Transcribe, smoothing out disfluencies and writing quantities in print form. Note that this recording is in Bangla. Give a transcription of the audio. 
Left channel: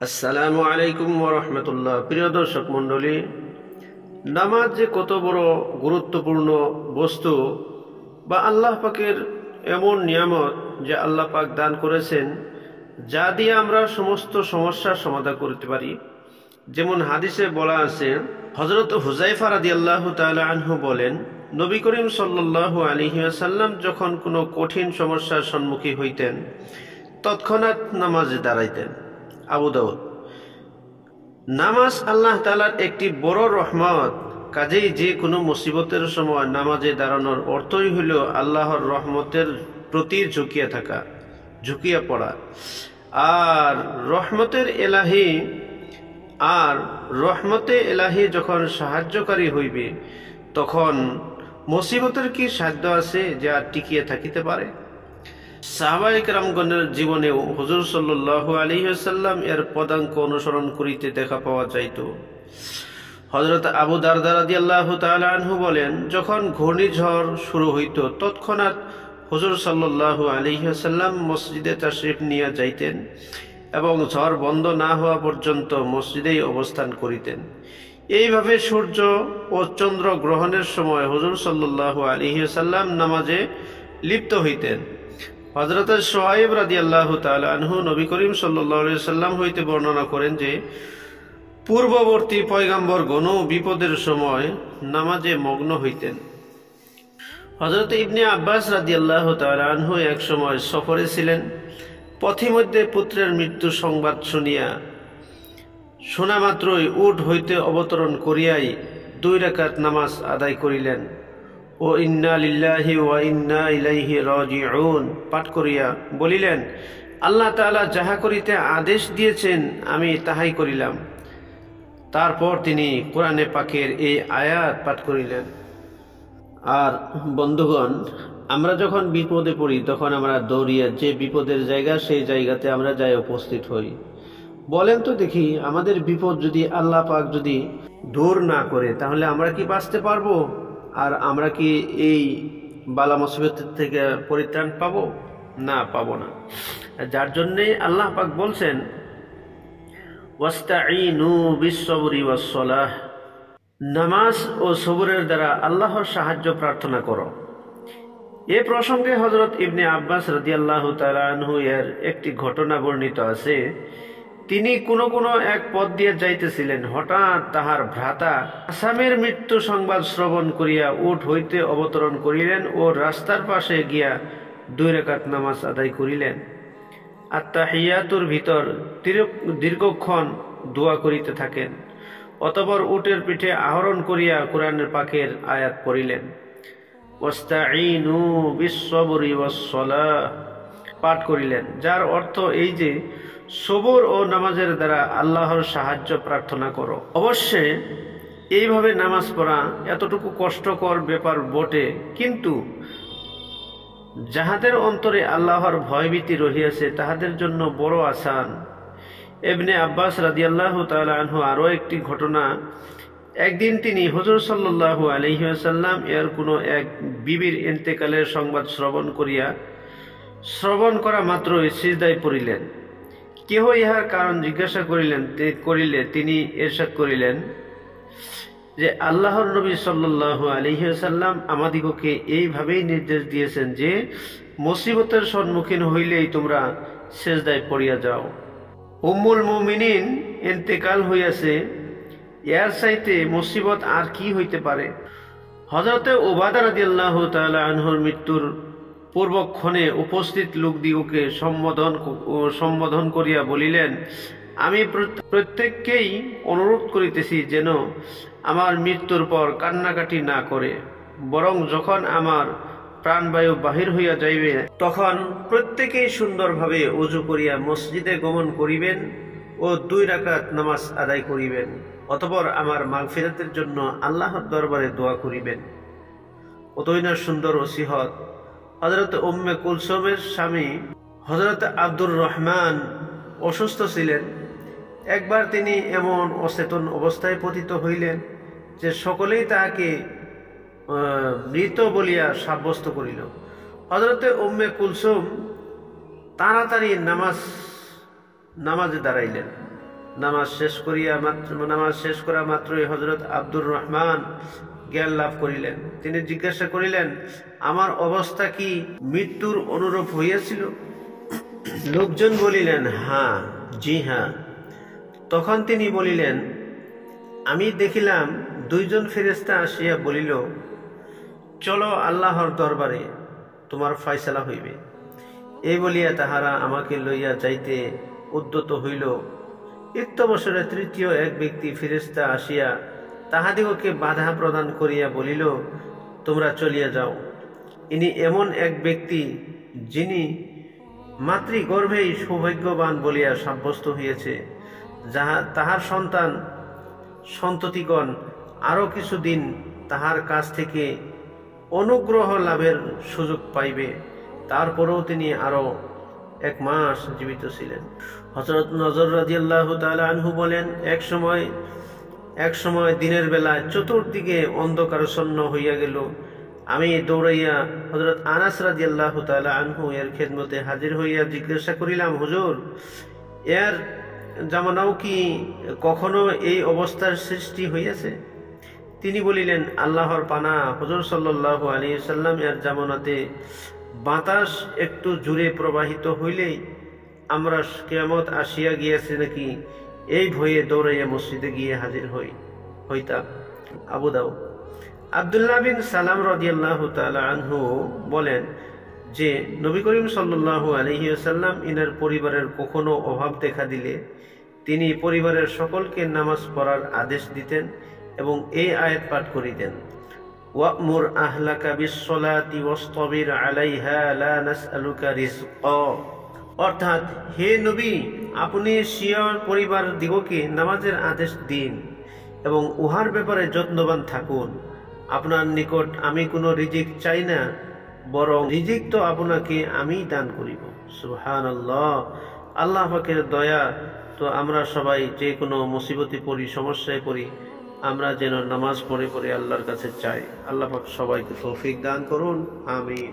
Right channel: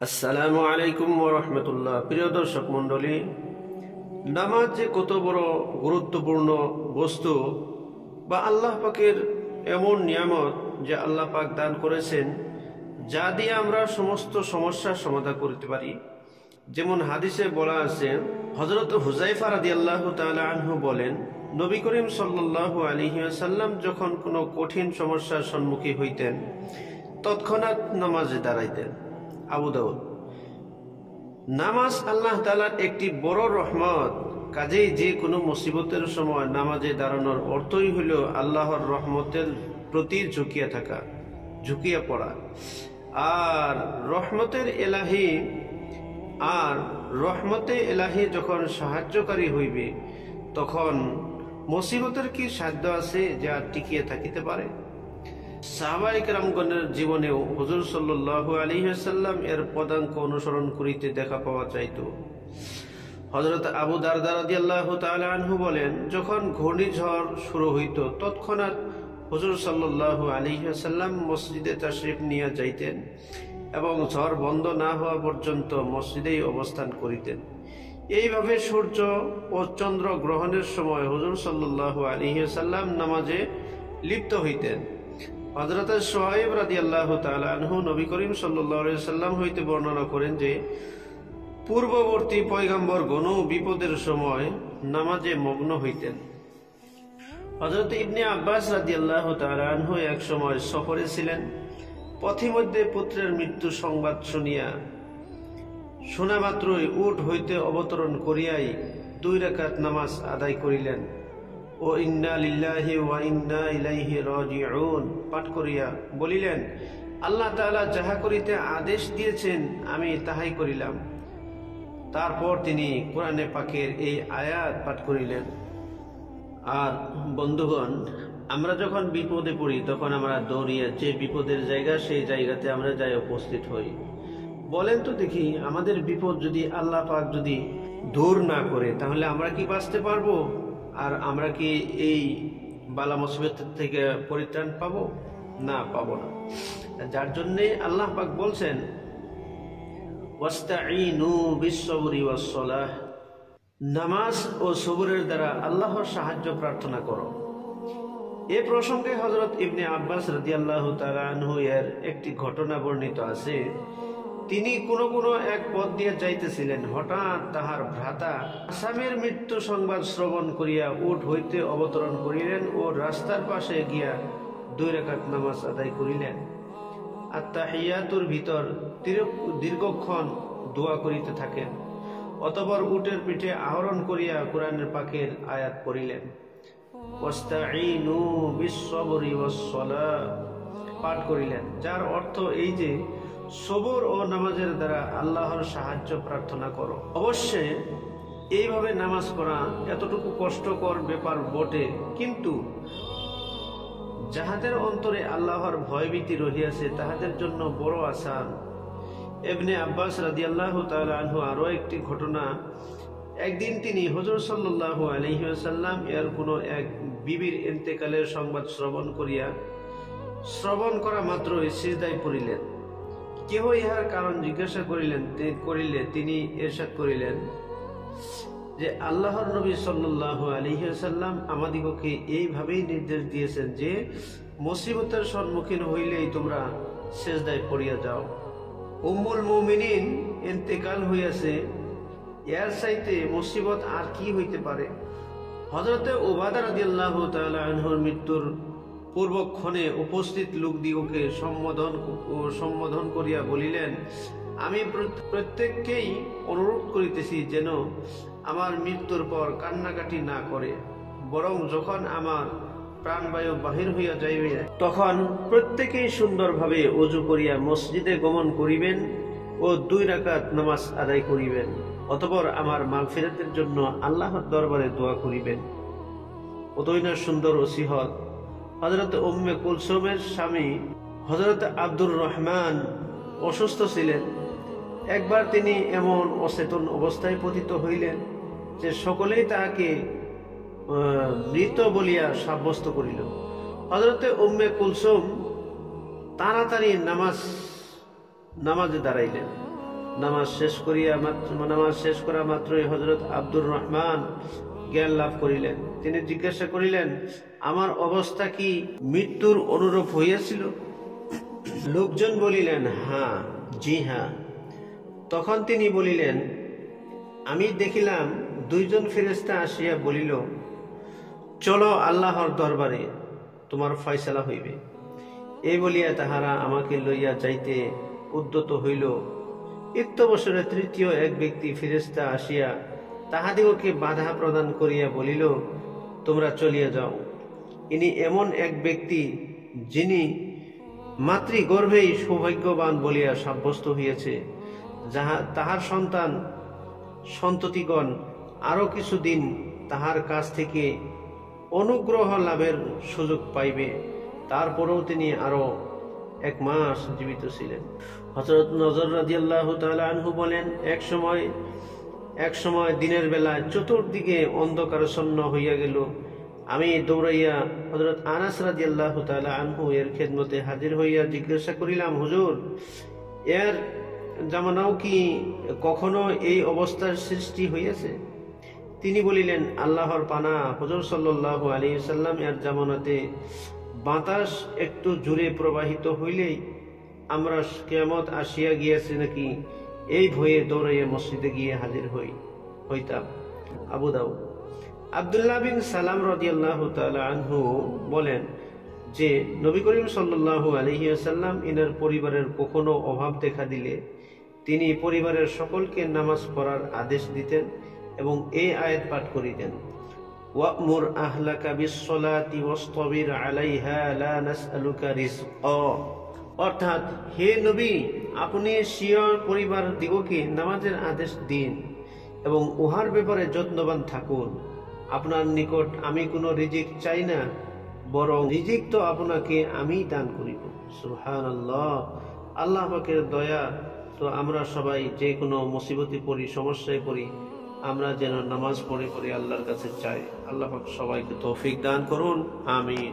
আসসালামু আলাইকুম ওয়া রাহমাতুল্লাহ। প্রিয় দর্শক মণ্ডলী, নামাজ যে কত বড় গুরুত্বপূর্ণ বস্তু বা আল্লাহ পাকের এমন নিয়ামত যে আল্লাহ পাক দান করেছেন, যা দিয়ে আমরা সমস্ত সমস্যার সমাধান করতে পারি। যেমন হাদিসে বলা আছে, হযরত হুযায়ফা রাদিয়াল্লাহু তাআলা আনহু বলেন, নবী করিম সাল্লাল্লাহু আলাইহি ওয়াসাল্লাম যখন কোনো কঠিন সমস্যার সম্মুখীন হইতেন তৎক্ষণাৎ নামাজে দাঁড়াইতেন। আবু দাউদ। নামাজ আল্লাহ তাআলার একটি বড় রহমত, কাজেই যে কোনো মুসিবতের সময় নামাজে দাঁড়ানোর অর্থই হইল আল্লাহর রহমতের প্রতি ঝুঁকিয়া পড়া। আর রহমতে এলাহি যখন সাহায্যকারী হইবে, তখন মুসিবতের কি সাধ্য আছে যা টিকিয়ে থাকিতে পারে? সাহাবায়ে কেরামগণের জীবনেও হুজুর সাল্লাল্লাহু আলাইহি ওয়াসাল্লাম এর পদাঙ্ক অনুসরণ করিতে দেখা পাওয়া যাইত। হযরত আবু দারদা রাদিয়াল্লাহু তাআলা আনহু বলেন, যখন ঘূর্ণিঝড় শুরু হইত তৎক্ষণাৎ হুজুর সাল্লাল্লাহু আলাইহি ওয়াসাল্লাম মসজিদে তাশরিফ নিয়ে যাইতেন এবং ঝড় বন্ধ না হওয়া পর্যন্ত মসজিদেই অবস্থান করিতেন। এইভাবে সূর্য ও চন্দ্র গ্রহণের সময় হুজুর সাল্লাল্লাহু আলাইহি ওয়াসাল্লাম নামাজে লিপ্ত হইতেন। হযরত শুআয়ব রাদিয়াল্লাহু তাআলা আনহু নবী করিম সাল্লাল্লাহু আলাইহি ওয়াসাল্লাম হইতে বর্ণনা করেন যে, পূর্ববর্তী পয়গম্বরগণ বিপদের সময় নামাজে মগ্ন হইতেন। হযরত ইবনে আব্বাস রাদিয়াল্লাহু তাআলা আনহু এক সময় সফরে ছিলেন। পথিমধ্যে পুত্রের মৃত্যু সংবাদ শোনা মাত্রই উট হইতে অবতরণ করিয়াই 2 রাকাত নামাজ আদায় করিলেন ও ইন্না লিল্লাহি ওয়া ইন্না ইলাইহি রাজিউন পাঠ করিয়া বলিলেন, আল্লাহ তাআলা যাহা করিতে আদেশ দিয়েছেন আমি তাহাই করিলাম। তারপর তিনি কোরআনে পাকের এই আয়াত পাঠ করিলেন। আর বন্ধুগণ, আমরা যখন বিপদে পড়ি তখন আমরা দৌড়িয়ে যে বিপদের জায়গা সেই জায়গাতে আমরা যাই উপস্থিত হই। বলেন তো দেখি, আমাদের বিপদ যদি আল্লাহ পাক যদি দূর না করে, তাহলে আমরা কি বাঁচতে পারবো? আর আমরা কি এই বালা মুসিবত থেকে পরিত্রাণ পাবো? না, পাবো না। যার জন্যে আল্লাহ পাক বলছেন, ওয়াস্তাঈনু বিস-সাবরি ওয়াস-সালাহ, নামাজ ও সবরের দ্বারা আল্লাহর সাহায্য প্রার্থনা করো। এ প্রসঙ্গে হযরত ইবনে আব্বাস রাদিয়াল্লাহু তাআলা আনহু এর একটি ঘটনা বর্ণিত আছে। তিনি কোনো এক পথ দিয়ে যাইতেছিলেন, হঠাৎ তাহার ভ্রাতা আসামের মৃত্যু সংবাদ শ্রবণ করিয়া উট হইতে অবতরণ করিলেন ও রাস্তার পাশে গিয়া 2 রাকাত নামাজ আদায় করিলেন। আত্তাহিয়াতুর ভিতর দীর্ঘক্ষণ দোয়া করিতে থাকেন। অতঃপর উটের পিঠে আরোহণ করিয়া কোরআনের পাকের আয়াত পড়িলেন, ওয়াস্তাঈনু বিস-সাবরি ওয়াস-সালাহ পাঠ করিলেন, যার অর্থ এই যে সবর ও নামাজের দ্বারা আল্লাহর সাহায্য প্রার্থনা করো। অবশ্যই এইভাবে নামাজ পড়া এতটুকু কষ্টকর ব্যাপার বটে, কিন্তু যাহাদের অন্তরে আল্লাহর ভয়ভীতি রহিয়াছে তাহাদের জন্য বড় আসান। ইবনে আব্বাস রাদিয়াল্লাহু তাআলা আনহু আরো একটি ঘটনা, একদিন তিনি হুজুর সাল্লাল্লাহু আলাইহি ওয়াসাল্লাম এর কোনো এক বিবির ইন্তেকালের সংবাদ শ্রবণ করা মাত্রই সিজদায় পড়িলেন। কেহ ইহার কারণ জিজ্ঞাসা করিলে তিনি ইরশাদ করিলেন যে, আল্লাহর নবী সাল্লাল্লাহু আলাইহি ওয়াসাল্লাম আমাদিগকে এইভাবেই নির্দেশ দিয়েছেন যে, মুসিবতের সম্মুখীন হইলেই তোমরা সিজদায় পড়িয়া যাও। উম্মুল মুমিনিন ইন্তেকাল হইয়াছে, এর চাইতে মুসিবত আর কি হইতে পারে? হযরতে উবাদা রাদিয়াল্লাহু তাআলা আনহুর মৃত্যুর পূর্বক্ষণে উপস্থিত লোকদিগকে সম্বোধন করিয়া বলিলেন, আমি প্রত্যেককেই অনুরোধ করিতেছি যেন আমার মৃত্যুর পর কান্নাকাটি না করে, বরং যখন আমার প্রাণবায়ু বাহির হইয়া যাইবে তখন প্রত্যেকেই সুন্দরভাবে ওযু করিয়া মসজিদে গমন করিবেন ও 2 রাকাত নামাজ আদায় করিবেন। অতঃপর আমার মাগফিরাতের জন্য আল্লাহর দরবারে দোয়া করিবেন। কতই না সুন্দর ওসিহত! হযরত উম্মে কুলসুমের স্বামী হযরত আব্দুর রহমান অসুস্থ ছিলেন। একবার তিনি এমন অচেতন অবস্থায় পতিত হইলেন যে সকলেই তাহাকে মৃত বলিয়া সাব্যস্ত করিল। হযরতে উম্মে কুলসুম তাড়াতাড়ি নামাজে দাঁড়াইলেন। নামাজ শেষ করা মাত্রই হযরত আব্দুর রহমান জ্ঞান লাভ করিলেন। তিনি জিজ্ঞাসা করিলেন, আমার অবস্থা কি মৃত্যুর অনুরূপ হইয়াছিল? লোকজন বলিলেন, হ্যাঁ, জি হ্যাঁ। তখন তিনি বলিলেন, আমি দেখিলাম দুইজন ফেরেশতা আসিয়া বলিল, চলো আল্লাহর দরবারে, তোমার ফয়সালা হইবে। এই বলিয়া তাহারা আমাকে লইয়া যাইতে উদ্যত হইল। ইত্যবসরে তৃতীয় এক ব্যক্তি ফেরেশতা আসিয়া তাহাদিগকে বাধা প্রদান করিয়া বলিল, তোমরা চলিয়া যাও। ইনি এমন এক ব্যক্তি যিনি মাতৃগর্ভেই সৌভাগ্যবান বলিয়া সাব্যস্ত হইয়াছে, তাহার সন্ততিগণ আরো কিছুদিন তাহার কাছ থেকে অনুগ্রহ লাভের সুযোগ পাইবে, তারপরেও তিনি আরো 1 মাস জীবিত ছিলেন। হযরত নজর রাদিয়াল্লাহু তাআলা আনহু বলেন, এক সময় দিনের বেলায় চতুর্দিকে অন্ধকারাচ্ছন্ন হইয়া গেল। আমি দৌড়াইয়া হযরত আনাস রাদিয়াল্লাহু তাআলা আনহু এর খেদমতে হাজির হইয়া জিজ্ঞাসা করিলাম, হুজুর, এর জামানাও কি কখনো এই অবস্থার সৃষ্টি হইয়াছে? তিনি বলিলেন, আল্লাহর পানা, হুজুর সাল্লাল্লাহু আলাইহি ওয়াসাল্লাম এর জামানাতে বাতাস একটু জোরে প্রবাহিত হইলেই আমরা কিয়ামত আসিয়া গিয়াছে নাকি এই ভয়ে দৌড়াইয়া মসজিদে গিয়ে হাজির হইতাম। আবু দাউদ। আব্দুল্লাহ বিন সালাম রাদিয়াল্লাহু তাআলা আনহু বলেন যে নবী করিম সাল্লাল্লাহু আলাইহি ওয়াসাল্লাম ইনার পরিবারের কখনো অভাব দেখা দিলে তিনি পরিবারের সকলকে নামাজ পড়ার আদেশ দিতেন এবং এই আয়াত পাঠ করিতেন, ওয়া'মুর আহলাকা বিস-সালাতি ওয়াসতাবির আলাইহা লা নাসআলুকা রিজকা। অর্থাৎ, হে নবী, আপনি স্বীয় পরিবার দিগকে নামাজের আদেশ দিন এবং উহার ব্যাপারে যত্নবান থাকুন। আপনার নিকট আমি কোনো রিজিক চাই না, বরং রিজিক তো আপনাকে আমি দান করিব। সুবহানাল্লাহ। আল্লাহ পাকের দয়া। তো আমরা সবাই যে কোনো মুসিবতে পড়ি, সমস্যায় পড়ি, আমরা যেন নামাজ পড়ে আল্লাহর কাছে চাই। আল্লাহ পাক সবাইকে তৌফিক দান করুন। আমিন।